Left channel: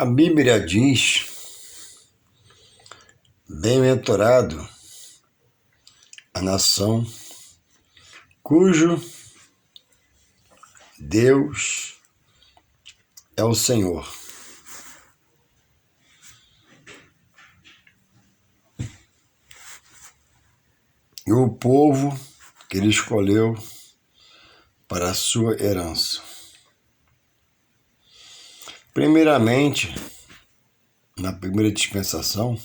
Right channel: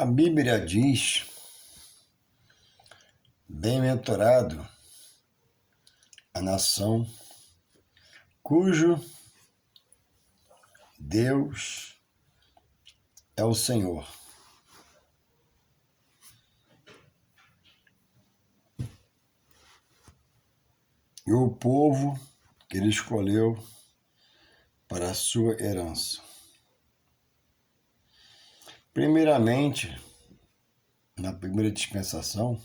A Bíblia diz: bem-aventurado a nação cujo Deus é o Senhor. E o povo que ele escolheu para a sua herança. Primeiramente, na primeira dispensação,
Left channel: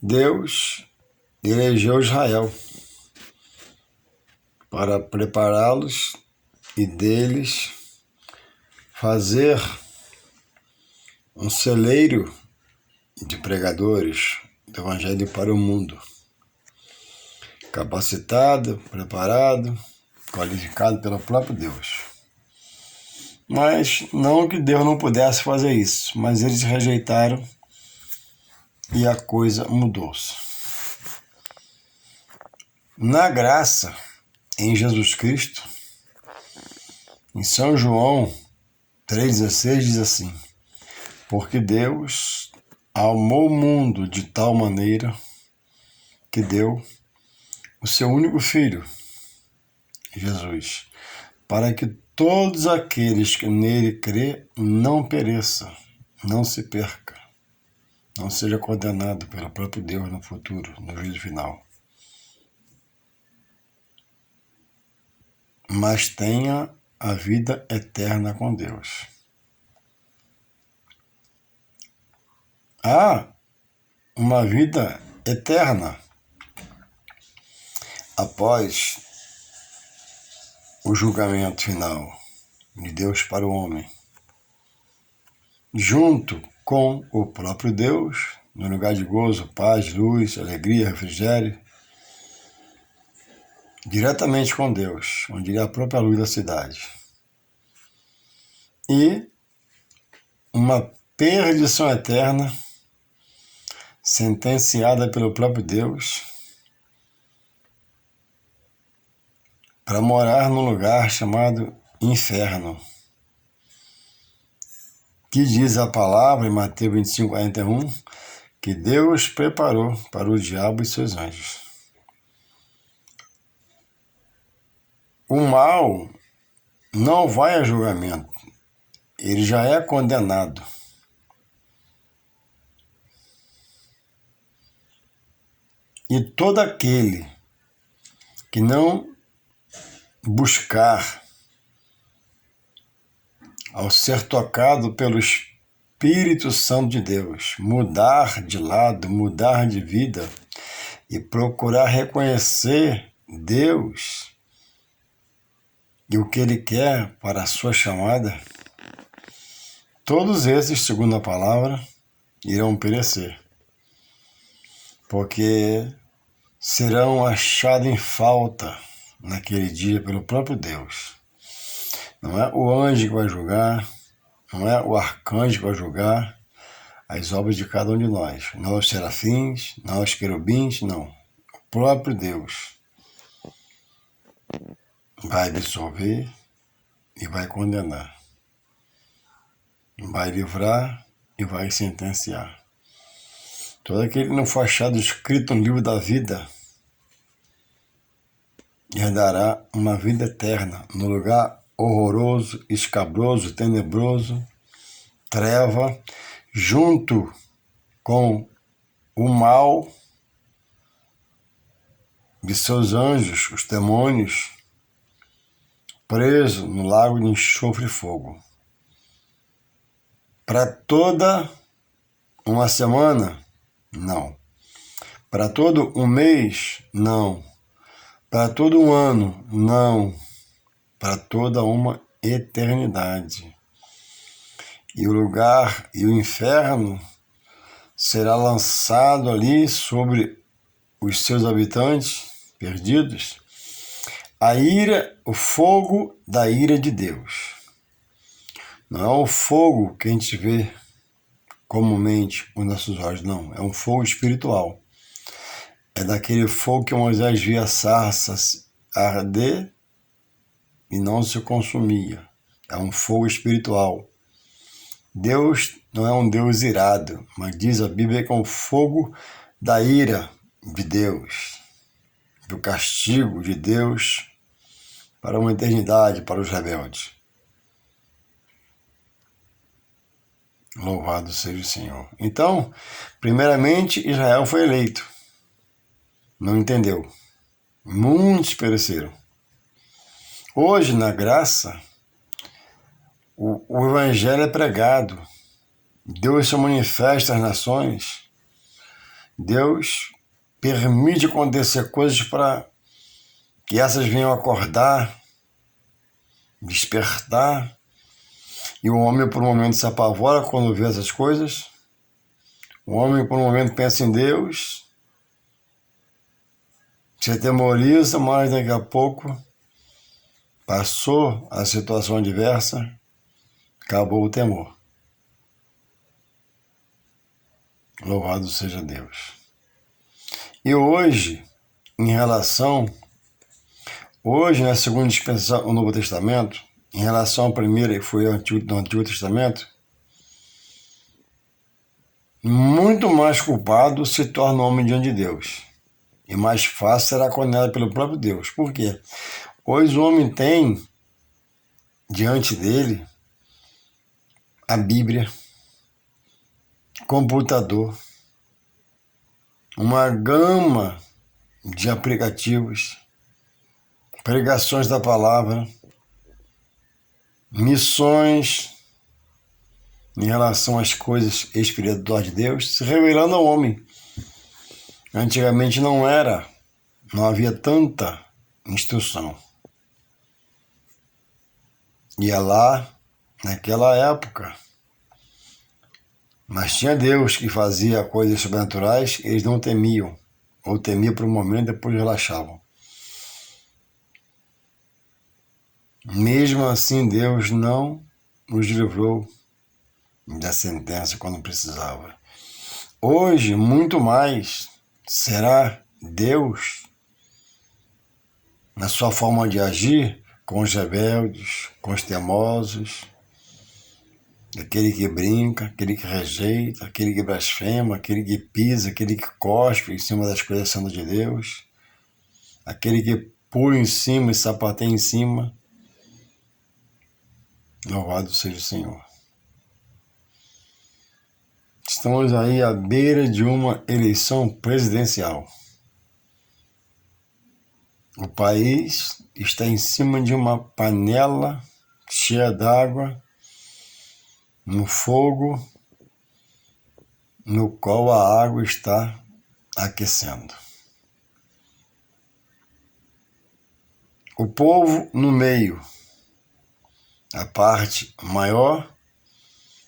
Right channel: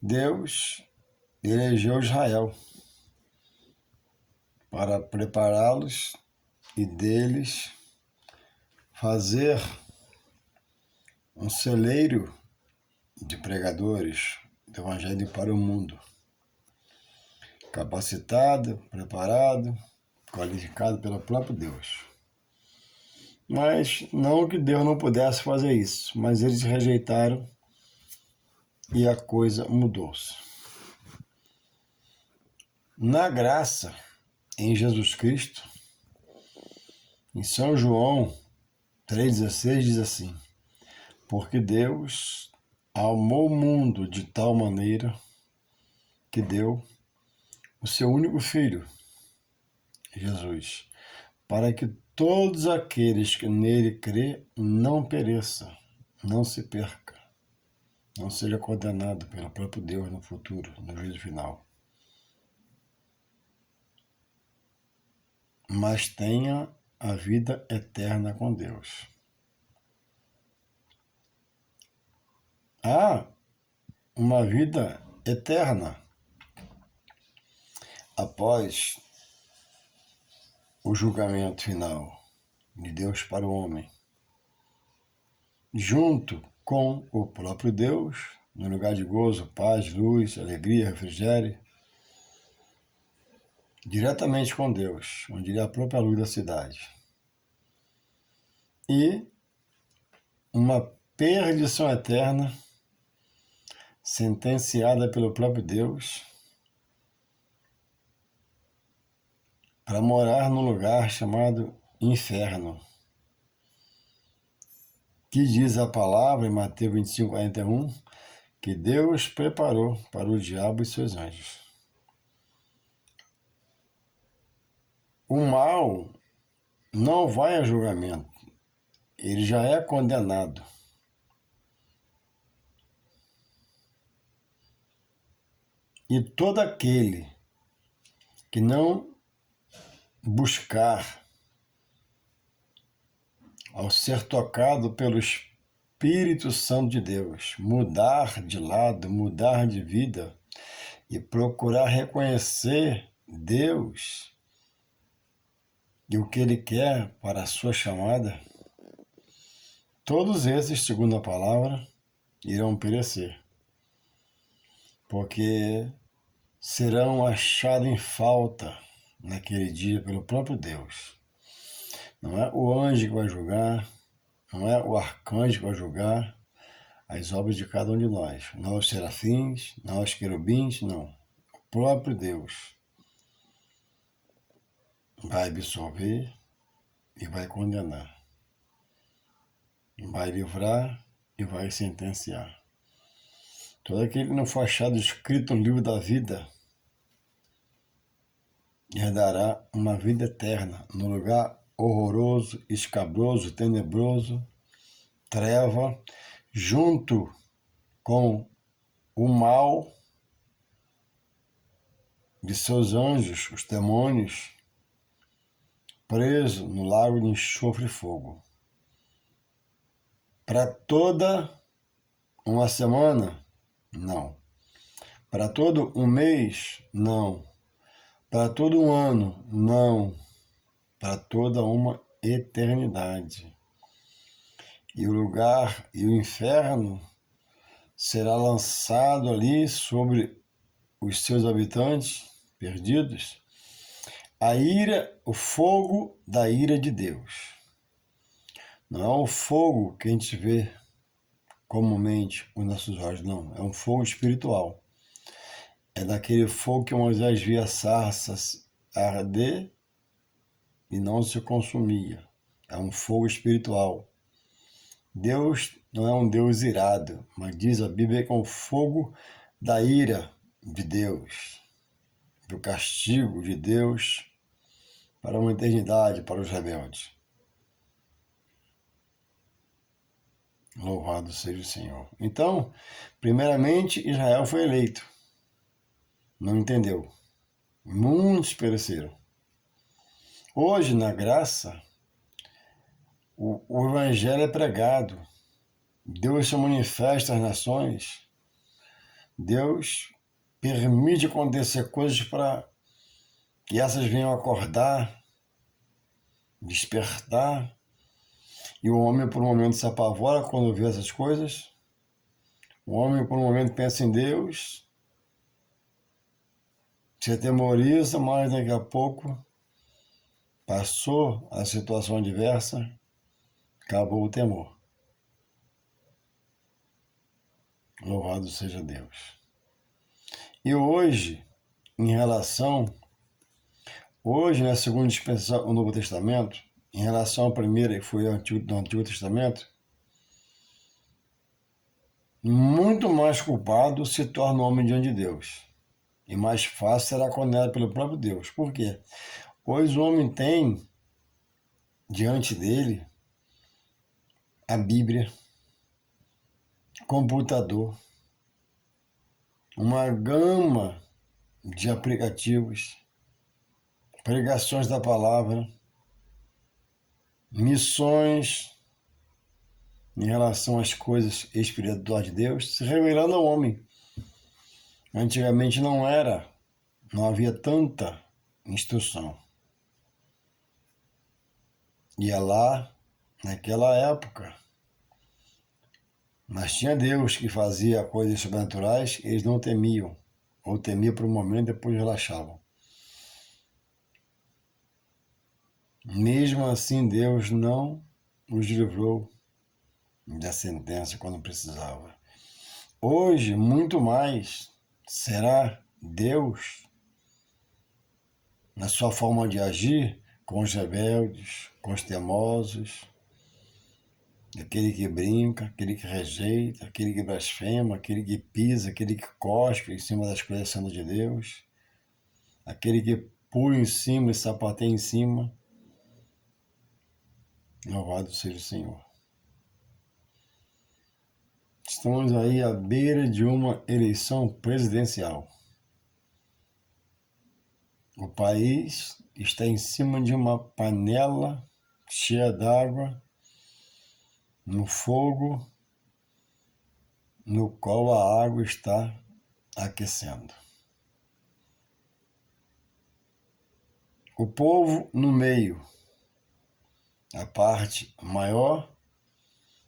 Deus elegeu Israel para prepará-los e deles fazer um celeiro de pregadores do Evangelho para o mundo. Capacitado, preparado, qualificado pelo próprio Deus. Mas não que Deus não pudesse fazer isso, mas eles rejeitaram e a coisa mudou-se. Na graça, em Jesus Cristo, em São João 3,16 diz assim: porque Deus amou o mundo de tal maneira que deu o seu único Filho, Jesus, para que todos aqueles que nele crê não pereçam, não se perca, não seja condenado pelo próprio Deus no futuro, no juízo final, mas tenha a vida eterna com Deus. Há uma vida eterna após o julgamento final de Deus para o homem, junto com o próprio Deus, no lugar de gozo, paz, luz, alegria, refrigério, diretamente com Deus, onde é a própria luz da cidade. E uma perdição eterna, sentenciada pelo próprio Deus, para morar num lugar chamado inferno, que diz a palavra em Mateus 25:41, que Deus preparou para o diabo e seus anjos. O mal não vai a julgamento, ele já é condenado. E todo aquele que não buscar, ao ser tocado pelo Espírito Santo de Deus, mudar de lado, mudar de vida e procurar reconhecer Deus e o que Ele quer para a sua chamada, todos esses, segundo a palavra, irão perecer, porque serão achados em falta naquele dia pelo próprio Deus. Não é o anjo que vai julgar, não é o arcanjo que vai julgar as obras de cada um de nós. Não os serafins, não os querubins, não. O próprio Deus vai absolver e vai condenar. Vai livrar e vai sentenciar. Todo aquele que não for achado escrito no livro da vida herdará uma vida eterna no lugar horroroso, escabroso, tenebroso, treva, junto com o mal de seus anjos, os demônios, preso no lago de enxofre e fogo. Para toda uma semana? Não. Para todo um mês? Não. Para todo um ano? Não. Para toda uma eternidade. E o lugar e o inferno será lançado ali sobre os seus habitantes perdidos, a ira, o fogo da ira de Deus. Não é o fogo que a gente vê comumente com nossos olhos, não. É um fogo espiritual. É daquele fogo que Moisés via a sarça arder e não se consumia. É um fogo espiritual Deus não é um Deus irado, mas diz a Bíblia que é um fogo da ira de Deus, do castigo de Deus para uma eternidade, para os rebeldes. Louvado seja o Senhor. Então, primeiramente, Israel foi eleito. Não entendeu. Muitos pereceram. Hoje, na graça, o Evangelho é pregado. Deus se manifesta às nações. Deus permite acontecer coisas para que essas venham acordar, despertar. E o homem, por um momento, se apavora quando vê essas coisas. O homem, por um momento, pensa em Deus, se atemoriza, mas daqui a pouco passou a situação adversa, acabou o temor. Louvado seja Deus. E hoje, na segunda dispensação, o Novo Testamento, em relação à primeira, que foi no Antigo Testamento, muito mais culpado se torna o homem diante de Deus. E mais fácil será condenado pelo próprio Deus. Por quê? Pois o homem tem diante dele a Bíblia, computador, uma gama de aplicativos, pregações da palavra, missões em relação às coisas espirituais de Deus, se revelando ao homem. Antigamente não havia tanta instrução. Ia lá, naquela época, mas tinha Deus que fazia coisas sobrenaturais, eles não temiam, ou temiam por um momento, depois relaxavam. Mesmo assim, Deus não nos livrou da sentença quando precisava. Hoje, muito mais será Deus, na sua forma de agir, com os rebeldes, com os teimosos, aquele que brinca, aquele que rejeita, aquele que blasfema, aquele que pisa, aquele que cospe em cima das coisas santas de Deus, aquele que pula em cima e sapateia em cima. Louvado seja o Senhor. Estamos aí à beira de uma eleição presidencial. O país está em cima de uma panela cheia d'água, no fogo, no qual a água está aquecendo. O povo no meio, a parte maior,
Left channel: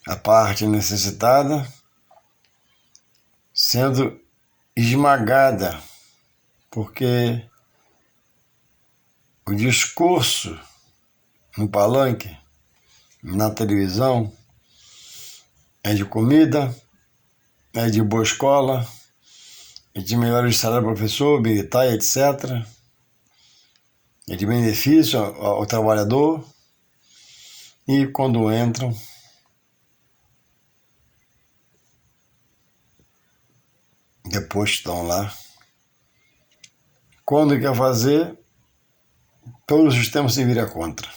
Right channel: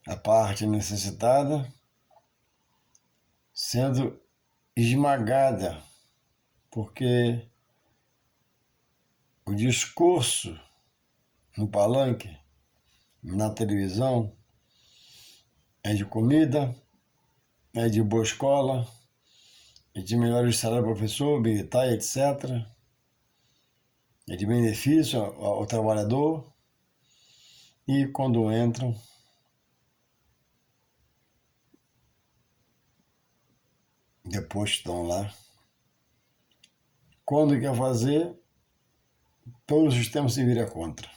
a parte necessitada, sendo esmagada, porque o discurso no palanque, na televisão, é de comida, é de boa escola, é de melhores salários para professor, militar, etc. É de benefício ao trabalhador. E quando entram, depois estão lá. Quando quer fazer, todo o sistema se vira contra.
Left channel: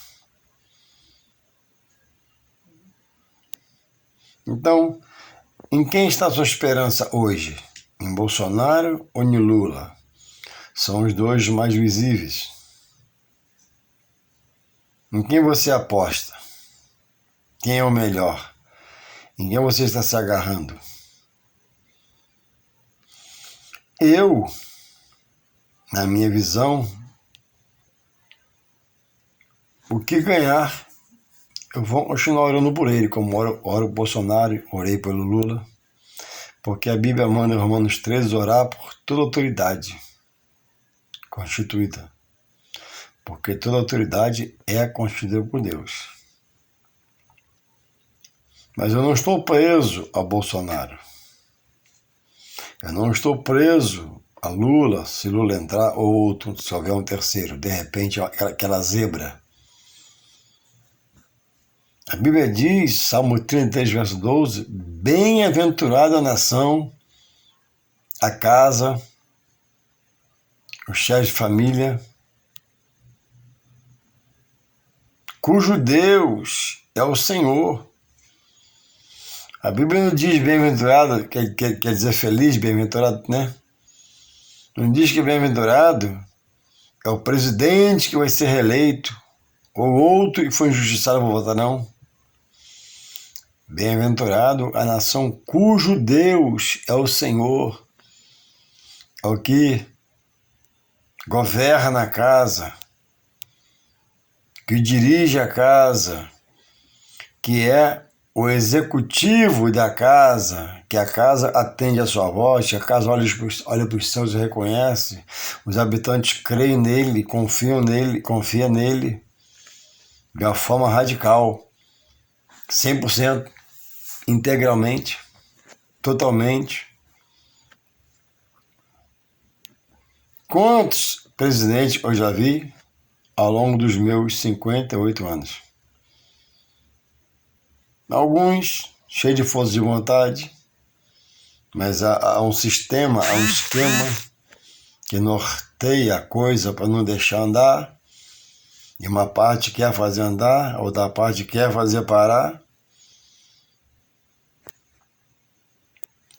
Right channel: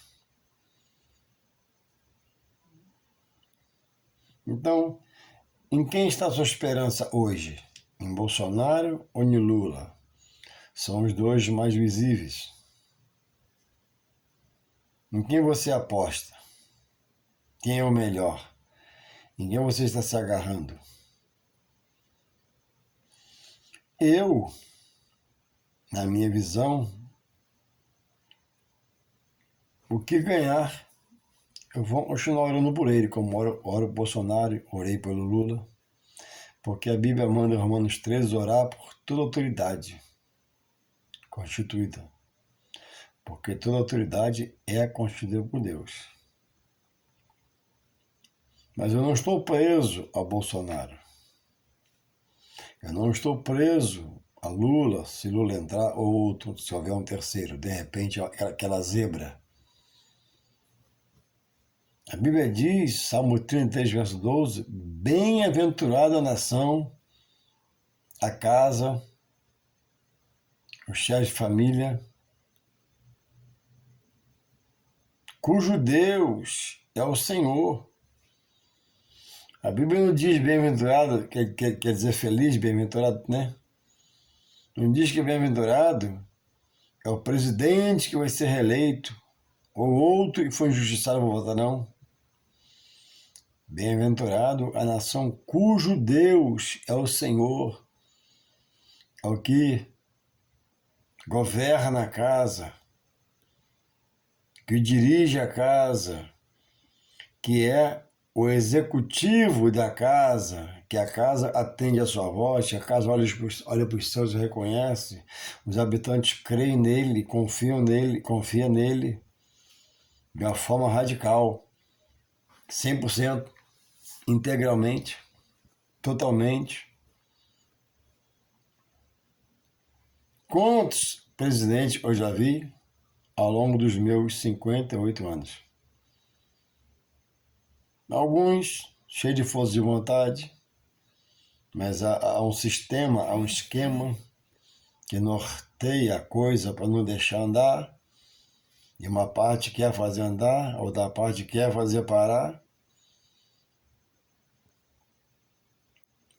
Então, em quem está a sua esperança hoje? Em Bolsonaro ou em Lula? São os dois mais visíveis. Em quem você aposta? Quem é o melhor? Em quem você está se agarrando? Eu, na minha visão, o que ganhar, eu vou continuar orando por ele, como oro o Bolsonaro, orei pelo Lula, porque a Bíblia manda em Romanos 13 orar por toda autoridade constituída, porque toda autoridade é constituída por Deus. Mas eu não estou preso a Bolsonaro. Eu não estou preso a Lula, se Lula entrar, ou outro, se houver um terceiro, de repente aquela zebra. A Bíblia diz, Salmo 33, verso 12, bem-aventurada a nação, a casa, o chefe de família, cujo Deus é o Senhor. A Bíblia não diz bem-aventurado, quer dizer feliz, bem-aventurado, né? Não diz que bem-aventurado é o presidente que vai ser reeleito, ou outro que foi injustiçado por votar, não. Bem-aventurado a nação cujo Deus é o Senhor, é o que governa a casa, que dirige a casa, que é o executivo da casa, que a casa atende a sua voz, que a casa olha para os céus e reconhece, os habitantes creem nele, confiam nele de uma forma radical, 100%, integralmente, totalmente. Quantos presidentes eu já vi ao longo dos meus 58 anos? Alguns cheios de força de vontade, mas há um sistema, há um esquema que norteia a coisa para não deixar andar, e uma parte quer fazer andar, a outra parte quer fazer parar.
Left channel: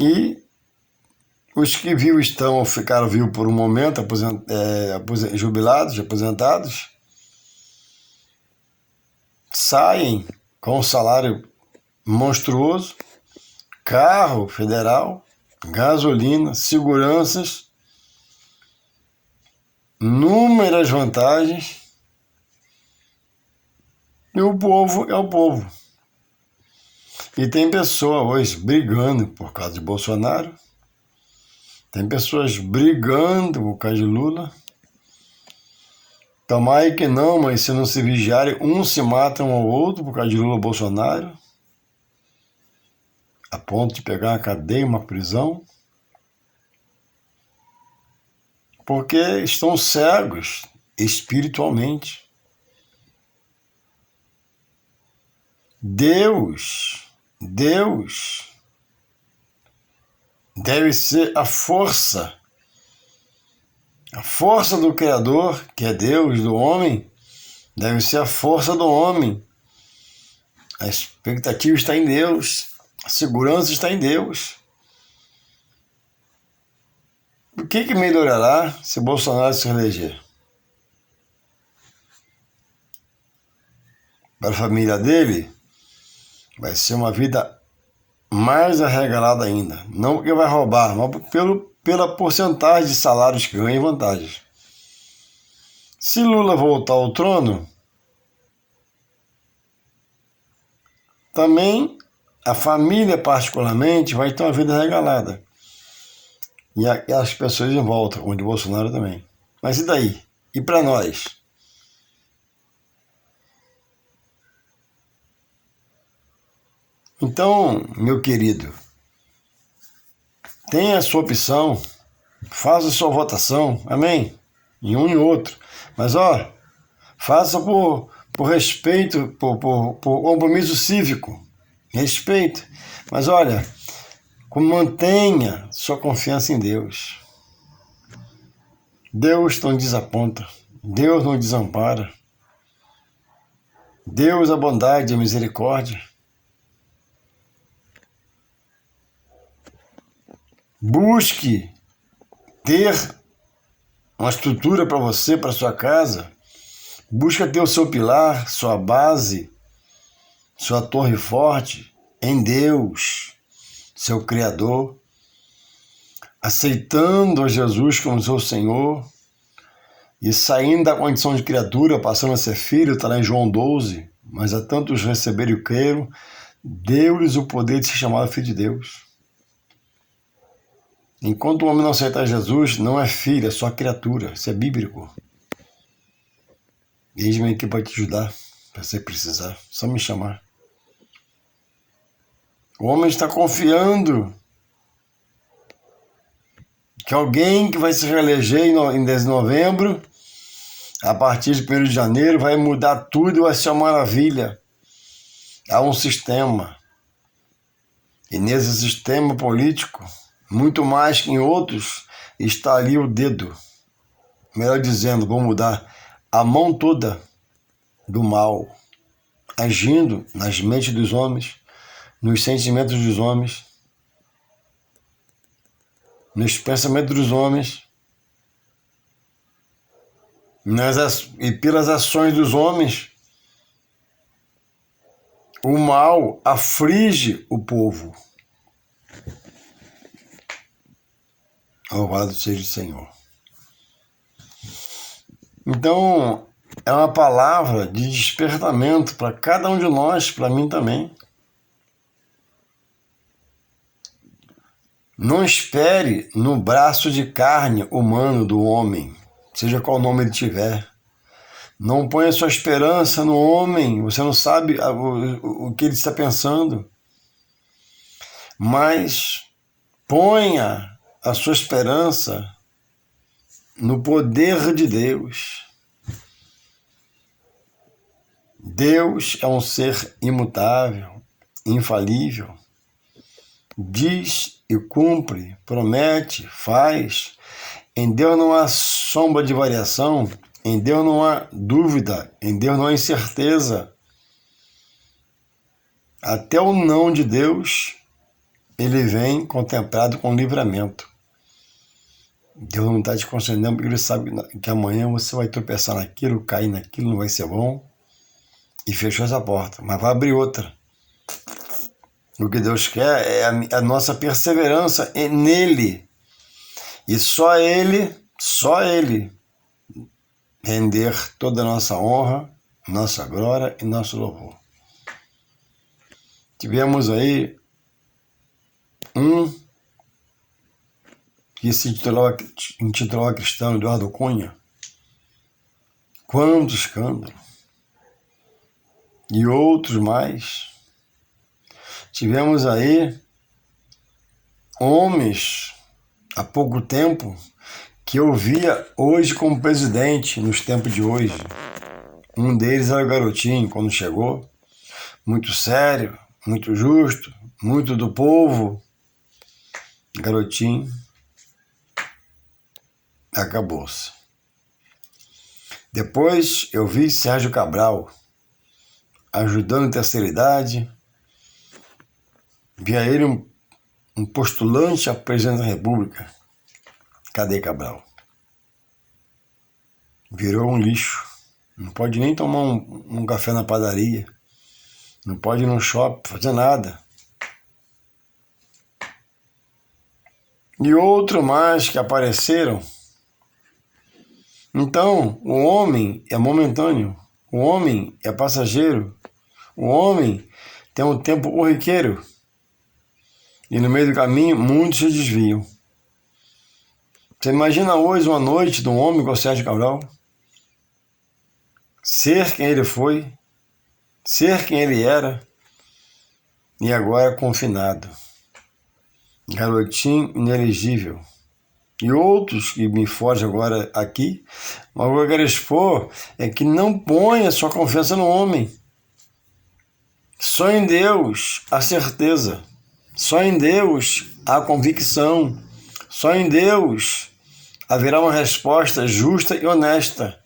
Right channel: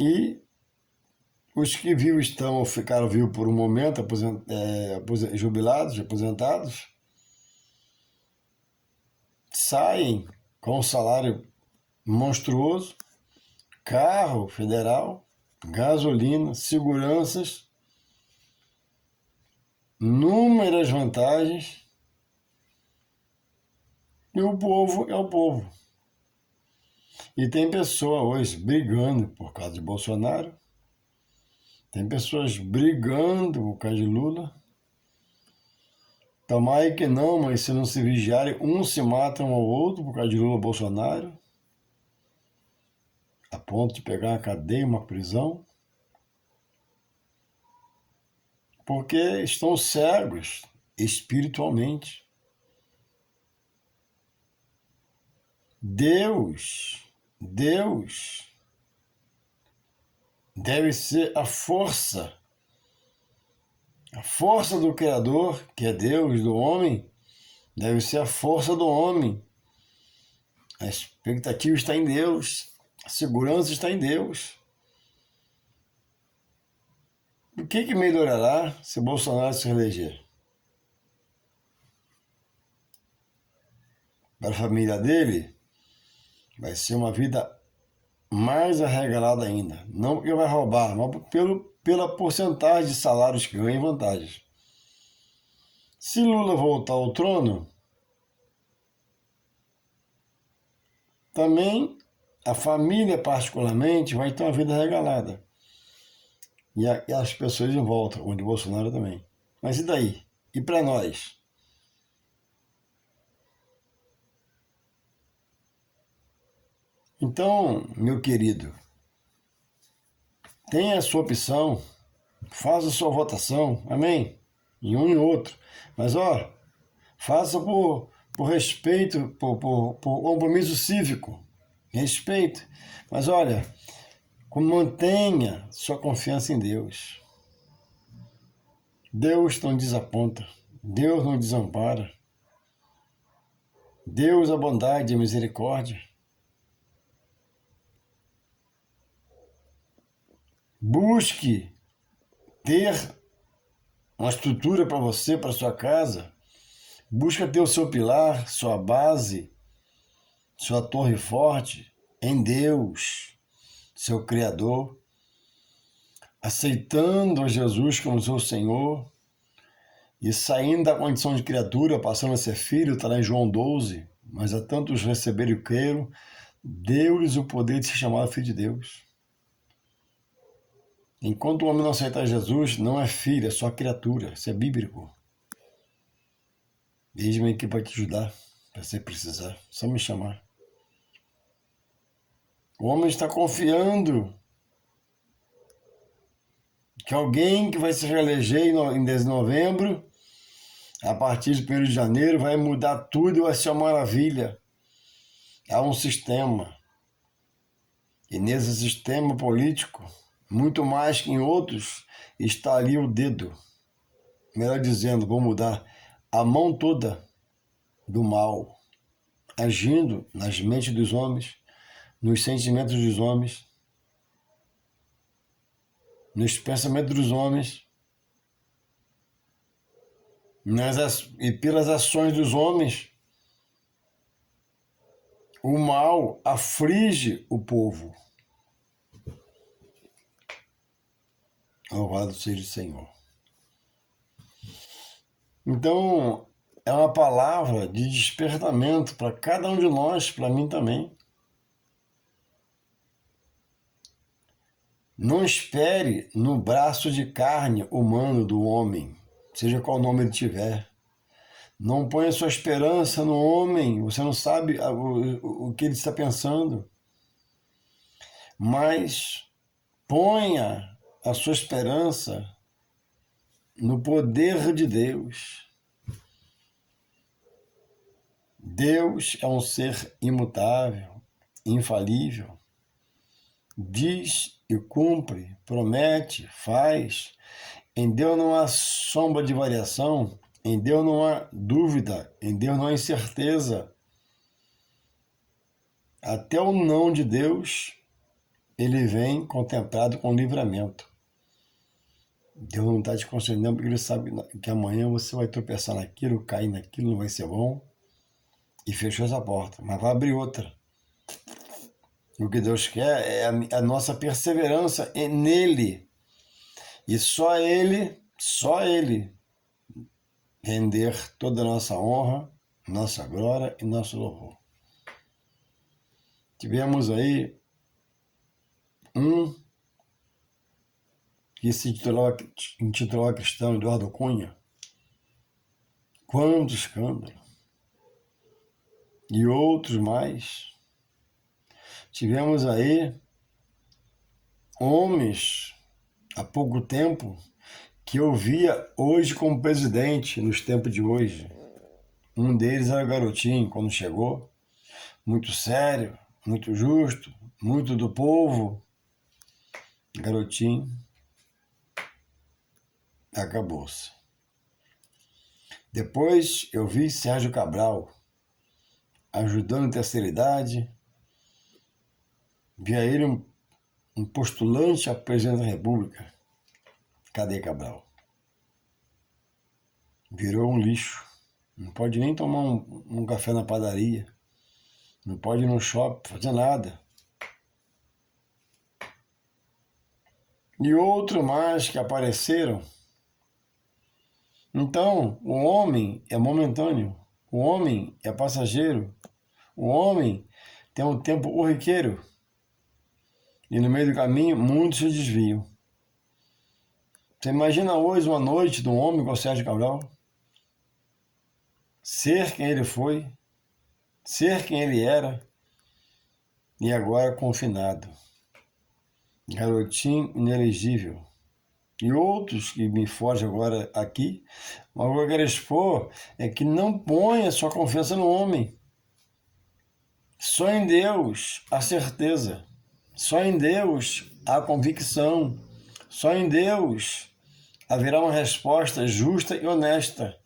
E os que vivos ficaram vivos por um momento, jubilados, aposentados, saem com um salário monstruoso, carro federal, gasolina, seguranças, inúmeras vantagens, e o povo é o povo. E tem pessoa hoje brigando por causa de Bolsonaro, tem pessoas brigando por causa de Lula. Tomara que não, mas se não se vigiarem, uns se matam ao outro por causa de Lula ou Bolsonaro, a ponto de pegar uma cadeia, uma prisão, porque estão cegos espiritualmente. Deus deve ser a força do Criador, que é Deus, do homem, deve ser a força do homem. A expectativa está em Deus, a segurança está em Deus. O que melhorará se Bolsonaro se reeleger? Para a família dele, vai ser uma vida mais arregalada ainda. Não porque vai roubar, mas pela porcentagem de salários que ganha e vantagens. Se Lula voltar ao trono, também a família particularmente vai ter uma vida regalada. E as pessoas em volta, como de Bolsonaro também. Mas e daí? E para nós? Então, meu querido, tenha a sua opção, faça a sua votação, amém? Em um e outro. Mas, faça por respeito, por compromisso cívico, respeito. Mas, olha, mantenha sua confiança em Deus. Deus não desaponta, Deus não desampara. Deus é a bondade e a misericórdia. Busque ter uma estrutura para você, para sua casa. Busque ter o seu pilar, sua base, sua torre forte em Deus, seu Criador. Aceitando a Jesus como seu Senhor e saindo da condição de criatura, passando a ser filho, está lá em João 12. Mas a tantos receberam e creram, deu-lhes o poder de ser chamado filho de Deus. Enquanto o homem não aceitar Jesus, não é filho, é só criatura. Isso é bíblico. Eis-me aqui para te ajudar, para você precisar. Só me chamar. O homem está confiando que alguém que vai se reeleger em 10 de novembro, a partir de 1º de janeiro, vai mudar tudo e vai ser uma maravilha. Há um sistema. E nesse sistema político, muito mais que em outros, está ali o dedo. Melhor dizendo, vou mudar, a mão toda do mal, agindo nas mentes dos homens, nos sentimentos dos homens, nos pensamentos dos homens, e pelas ações dos homens. O mal aflige o povo. Louvado seja o Senhor. Então, é uma palavra de despertamento para cada um de nós, para mim também. Não espere no braço de carne humano do homem, seja qual nome ele tiver. Não ponha sua esperança no homem, você não sabe o que ele está pensando. Mas ponha a sua esperança no poder de Deus. Deus é um ser imutável, infalível. Diz e cumpre, promete, faz. Em Deus não há sombra de variação, em Deus não há dúvida, em Deus não há incerteza. Até o não de Deus, ele vem contemplado com livramento. Deus não está te concedendo porque ele sabe que amanhã você vai tropeçar naquilo, cair naquilo, não vai ser bom. E fechou essa porta, mas vai abrir outra. O que Deus quer é a nossa perseverança nele. E só Ele render toda a nossa honra, nossa glória e nosso louvor. Tivemos aí um que se intitulava cristão, Eduardo Cunha. Quanto escândalo! E outros mais. Tivemos aí homens, há pouco tempo, que eu via hoje como presidente, nos tempos de hoje. Um deles era o Garotinho, quando chegou, muito sério, muito justo, muito do povo. Garotinho, acabou-se. Depois eu vi Sérgio Cabral, ajudando a terceira idade. Via ele um postulante a presidente da República. Cadê Cabral? Virou um lixo. Não pode nem tomar um café na padaria. Não pode ir no shopping, fazer nada. E outro mais que apareceram. Então, o homem é momentâneo. O homem é passageiro. O homem tem um tempo corriqueiro. E no meio do caminho, muitos se desviam. Você imagina hoje uma noite de um homem como Sérgio Cabral? Ser quem ele foi, ser quem ele era, e agora confinado. Garotinho inelegível. E outros que me fogem agora aqui, mas o que eu quero expor é que não ponha sua confiança no homem. Só em Deus há certeza. Só em Deus há convicção. Só em Deus haverá uma resposta justa e honesta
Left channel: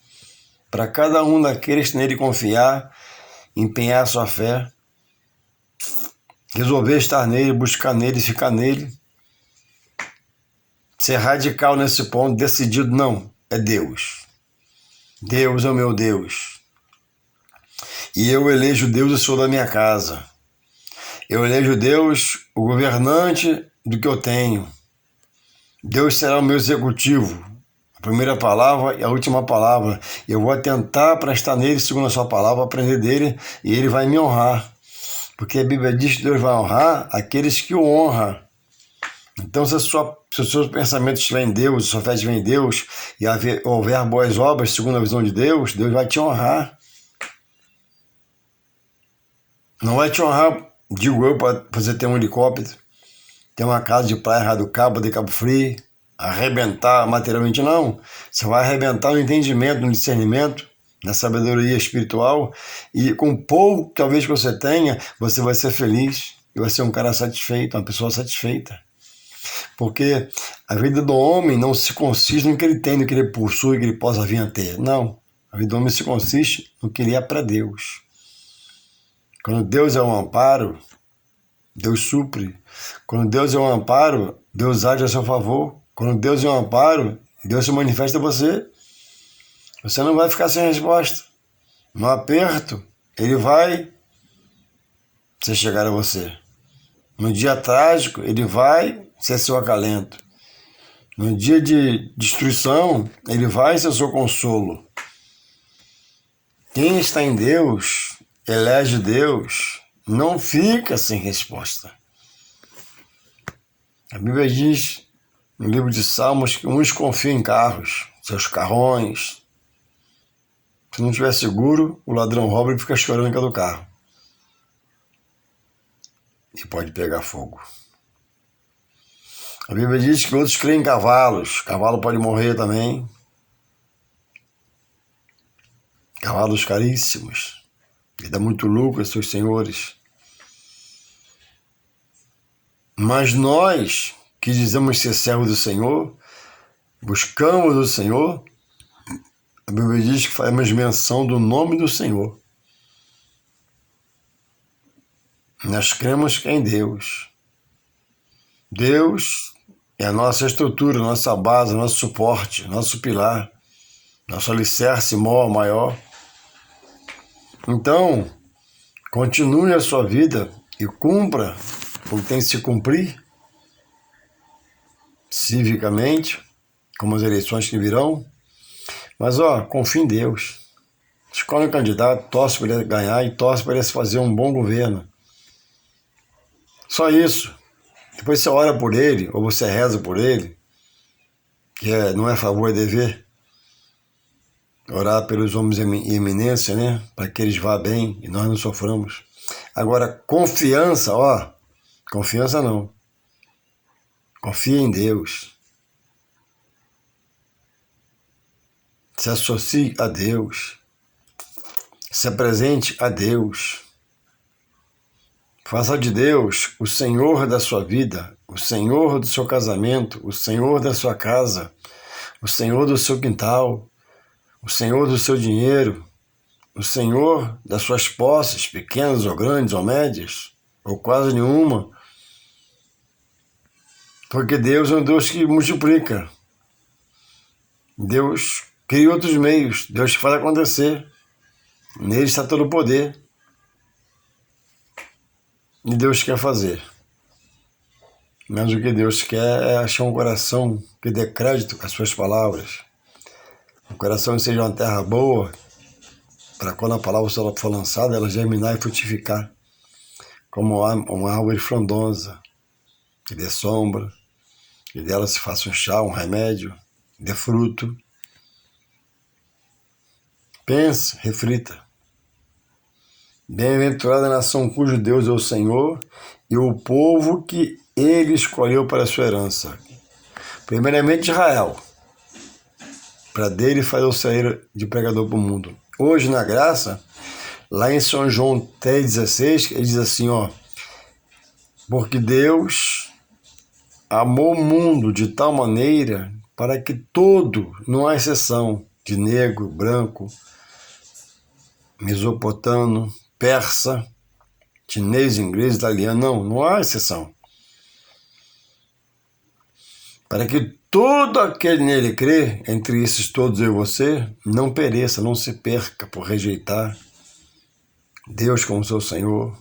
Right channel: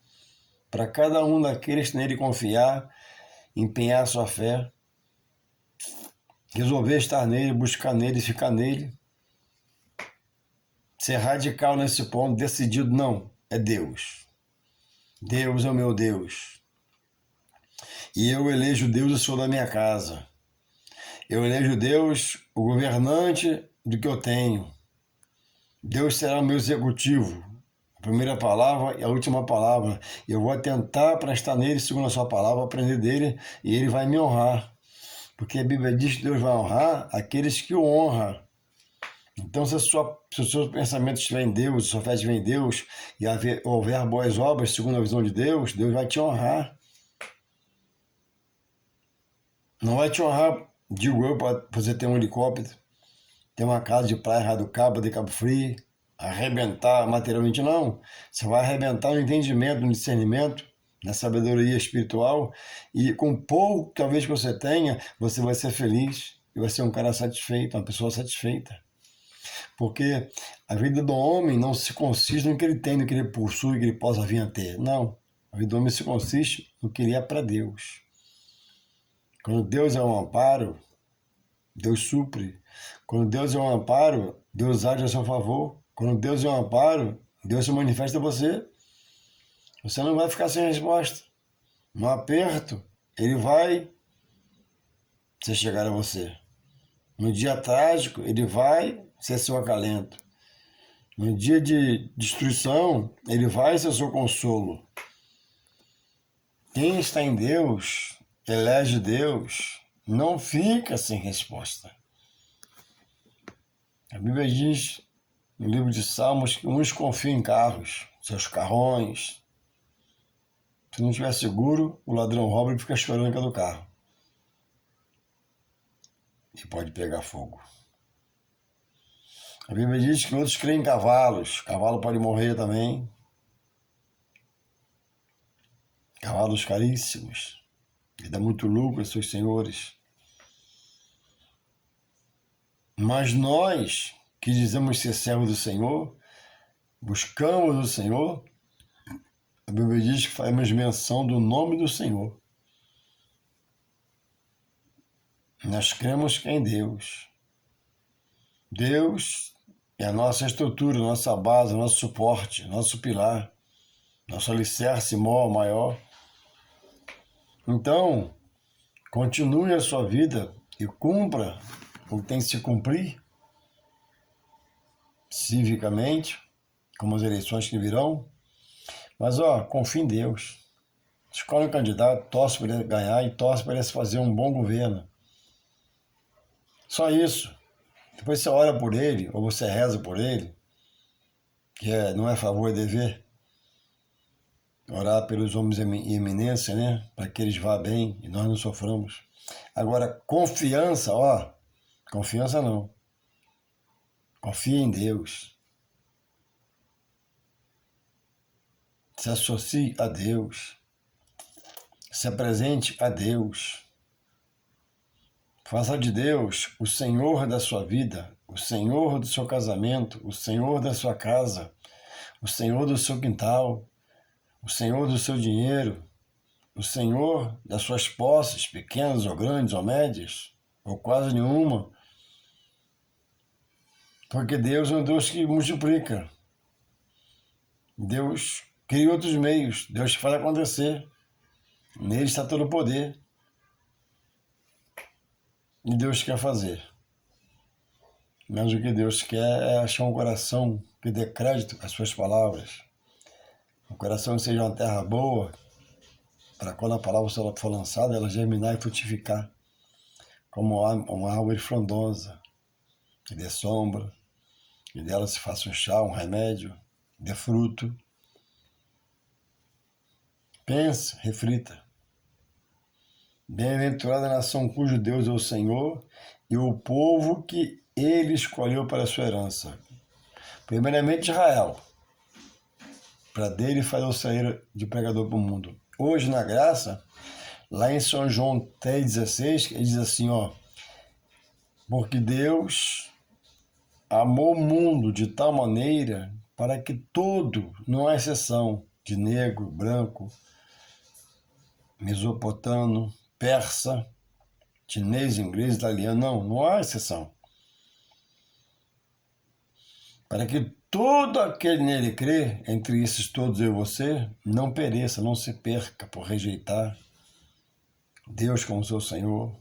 para cada um daqueles que nele confiar, empenhar sua fé, resolver estar nele, buscar nele, ficar nele, ser radical nesse ponto, decidido, não, é Deus. Deus é o meu Deus. E eu elejo Deus, eu sou da minha casa. Eu elejo Deus, o governante do que eu tenho. Deus será o meu executivo. A primeira palavra e a última palavra. Eu vou tentar prestar nele, segundo a sua palavra, aprender dele, e ele vai me honrar. Porque a Bíblia diz que Deus vai honrar aqueles que o honram. Então, se os seus pensamentos estiverem em Deus, se a sua fé estiver em Deus, e houver boas obras segundo a visão de Deus, Deus vai te honrar. Não vai te honrar, digo eu, para você ter um helicóptero, ter uma casa de praia do Cabo, de Cabo Frio, arrebentar materialmente, não. Você vai arrebentar no entendimento, no discernimento, na sabedoria espiritual, e com pouco talvez que você tenha, você vai ser feliz e vai ser um cara satisfeito, uma pessoa satisfeita. Porque a vida do homem não se consiste no que ele tem, no que ele possui, que ele possa vir a ter. Não. A vida do homem se consiste no que ele é para Deus. Quando Deus é um amparo, Deus supre. Quando Deus é um amparo, Deus age a seu favor. Quando Deus é um amparo, Deus se manifesta a você. Você não vai ficar sem resposta. No aperto, ele vai se chegar a você. No dia trágico, ele vai ser seu acalento. No dia de destruição, ele vai ser seu consolo. Quem está em Deus, elege Deus, não fica sem resposta. A Bíblia diz, no livro de Salmos, que uns confiam em carros, seus carrões. Se não estiver seguro, o ladrão rouba e fica chorando em cada carro. E pode pegar fogo. A Bíblia diz que outros creem em cavalos. Cavalo pode morrer também. Cavalos caríssimos. E dá muito lucro a seus senhores. Mas nós, que dizemos ser servos do Senhor, buscamos o Senhor, a Bíblia diz que fazemos menção do nome do Senhor. Nós cremos que é em Deus. Deus é a nossa estrutura, nossa base, nosso suporte, nosso pilar, nosso alicerce maior. Então, continue a sua vida e cumpra o que tem que se cumprir civicamente, como as eleições que virão. Mas, confie em Deus. Escolhe um candidato, torce para ele ganhar e torce para ele fazer um bom governo. Só isso. Depois você ora por ele, ou você reza por ele, que não é favor, é dever. Orar pelos homens em eminência, né? Para que eles vá bem e nós não soframos. Agora, confiança, confiança não. Confie em Deus. Se associe a Deus. Se apresente a Deus. Faça de Deus o Senhor da sua vida, o Senhor do seu casamento, o Senhor da sua casa, o Senhor do seu quintal, o Senhor do seu dinheiro, o Senhor das suas posses, pequenas ou grandes ou médias, ou quase nenhuma. Porque Deus é um Deus que multiplica. Deus cria outros meios, Deus faz acontecer. Nele está todo o poder. E Deus quer fazer. Mas o que Deus quer é achar um coração que dê crédito às suas palavras. Um coração que seja uma terra boa, para quando a palavra for lançada, ela germinar e frutificar, como uma árvore frondosa, que dê sombra, que dela se faça um chá, um remédio, dê fruto. Pense, reflita. Bem-aventurada a nação cujo Deus é o Senhor e o povo que ele escolheu para a sua herança. Primeiramente Israel, para dele fazer o sair de pregador para o mundo. Hoje, na graça, lá em São João 3,16, ele diz assim, porque Deus amou o mundo de tal maneira para que todo, não há exceção, de negro, branco, mesopotamo, persa, chinês, inglês, italiano, não há exceção. Para que todo aquele nele crê, entre esses todos eu e você, não pereça, não se perca por rejeitar Deus como seu Senhor,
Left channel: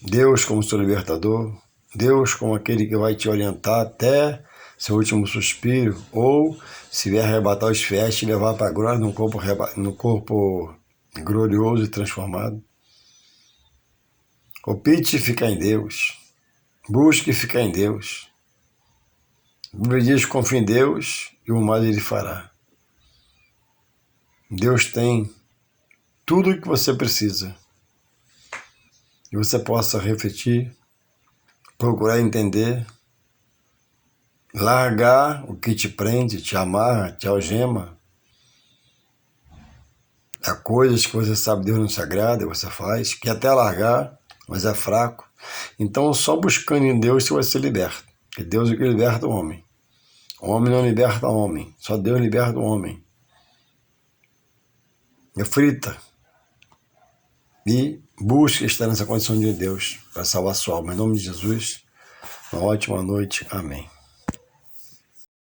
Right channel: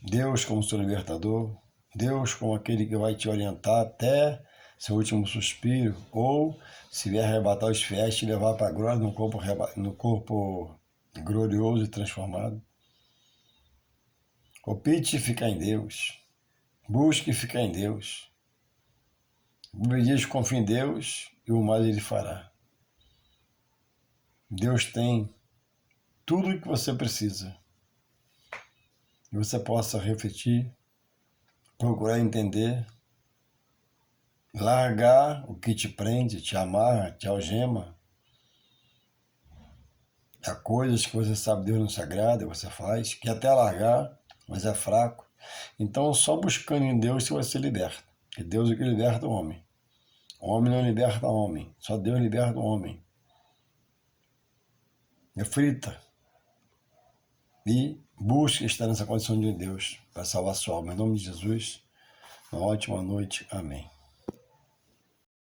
Deus como seu libertador, Deus como aquele que vai te orientar até seu último suspiro, ou se vier arrebatar os fiéis, te levar para a glória no corpo glorioso e transformado. Opte ficar em Deus, busque ficar em Deus. A Bíblia diz: confie em Deus e o mais ele fará. Deus tem tudo o que você precisa. E você possa refletir, procurar entender, largar o que te prende, te amarra, te algema, Há coisas que você sabe Deus não se agrada, você faz, quer até largar, mas é fraco. Então, só buscando em Deus você vai ser liberto. Porque Deus é que liberta o homem. O homem não liberta o homem, só Deus liberta o homem. Reflita e busque estar nessa condição de Deus para salvar sua alma. Em nome de Jesus, uma ótima noite. Amém.